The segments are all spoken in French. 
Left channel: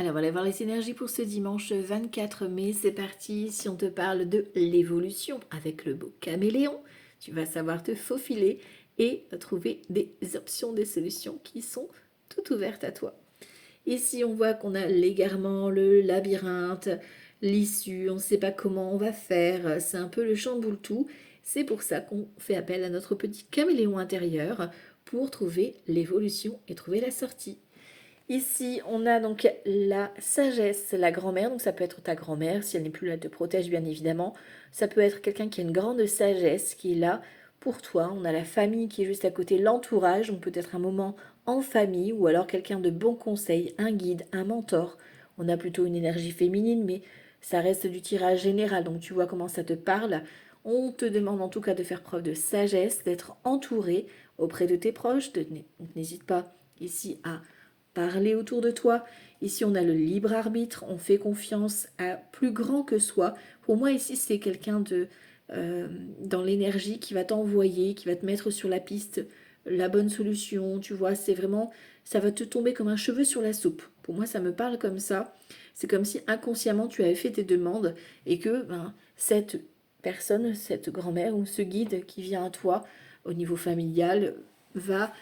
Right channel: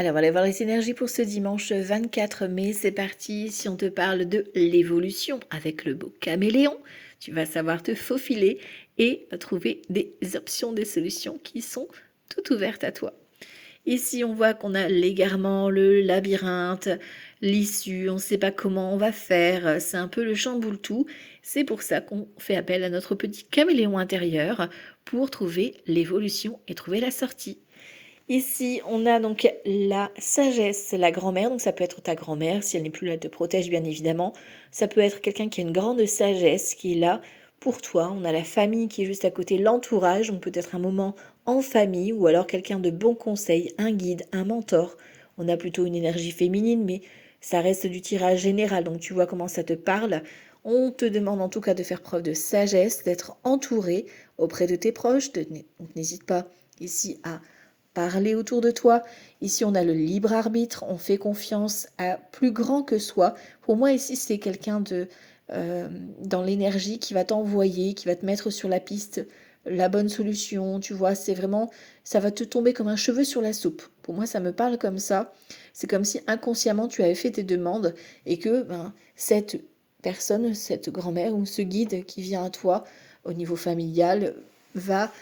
Alors, on va aller voir les énergies pour ce dimanche 24 mai. C'est parti. Si on te parle de l'évolution avec le beau caméléon, tu vas savoir te faufiler et trouver des options, des solutions qui sont toutes ouvertes à toi. Ici, on voit qu'on a l'égarement, le labyrinthe, l'issue, on ne sait pas comment on va faire. C'est un peu le chamboule-tout. C'est pour ça qu'on fait appel à notre petit caméléon intérieur pour trouver l'évolution et trouver la sortie. Ici, on a donc la sagesse, la grand-mère. Donc, ça peut être ta grand-mère, si elle n'est plus là, elle te protège, bien évidemment. Ça peut être quelqu'un qui a une grande sagesse, qui est là pour toi. On a la famille qui est juste à côté, l'entourage. Donc, peut-être un moment en famille ou alors quelqu'un de bon conseil, un guide, un mentor. On a plutôt une énergie féminine, mais ça reste du tirage général. Donc, tu vois comment ça te parle. On te demande en tout cas de faire preuve de sagesse, d'être entouré auprès de tes proches. Donc, n'hésite pas ici à parler autour de toi. Ici, on a le libre arbitre, on fait confiance à plus grand que soi. Pour moi, ici, c'est quelqu'un de dans l'énergie qui va t'envoyer, qui va te mettre sur la piste la bonne solution. Tu vois, c'est vraiment, ça va te tomber comme un cheveu sur la soupe. Pour moi, ça me parle comme ça. C'est comme si inconsciemment tu avais fait tes demandes et que cette personne, cette grand-mère ou ce guide qui vient à toi au niveau familial va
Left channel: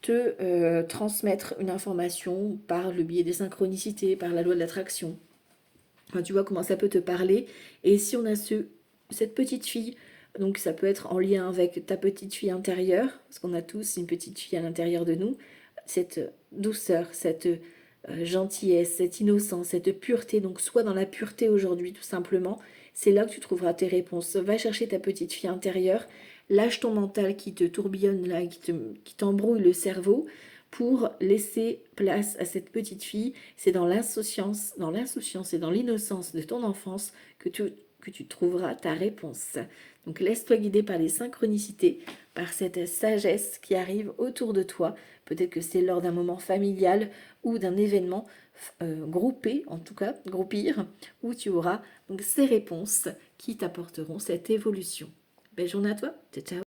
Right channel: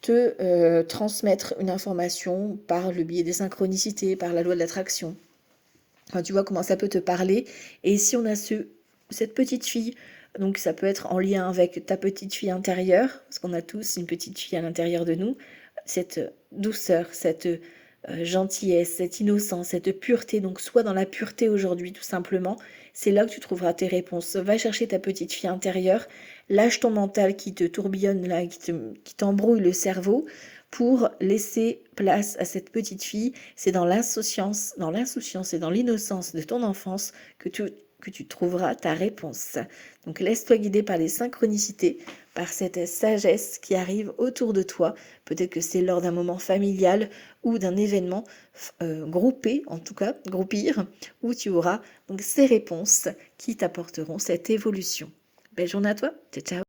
te transmettre une information par le biais des synchronicités, par la loi de l'attraction. Quand tu vois comment ça peut te parler. Et si on a cette petite fille, donc ça peut être en lien avec ta petite fille intérieure, parce qu'on a tous une petite fille à l'intérieur de nous, cette douceur, cette gentillesse, cette innocence, cette pureté. Donc sois dans la pureté aujourd'hui tout simplement. C'est là que tu trouveras tes réponses. Va chercher ta petite fille intérieure, lâche ton mental qui te tourbillonne là, qui t'embrouille le cerveau pour laisser place à cette petite fille. C'est dans l'insouciance et dans l'innocence de ton enfance que tu trouveras ta réponse. Donc laisse-toi guider par les synchronicités, par cette sagesse qui arrive autour de toi. Peut-être que c'est lors d'un moment familial ou d'un événement groupé, en tout cas, groupir, où tu auras donc ces réponses qui t'apporteront cette évolution. Belle journée à toi, ciao ciao.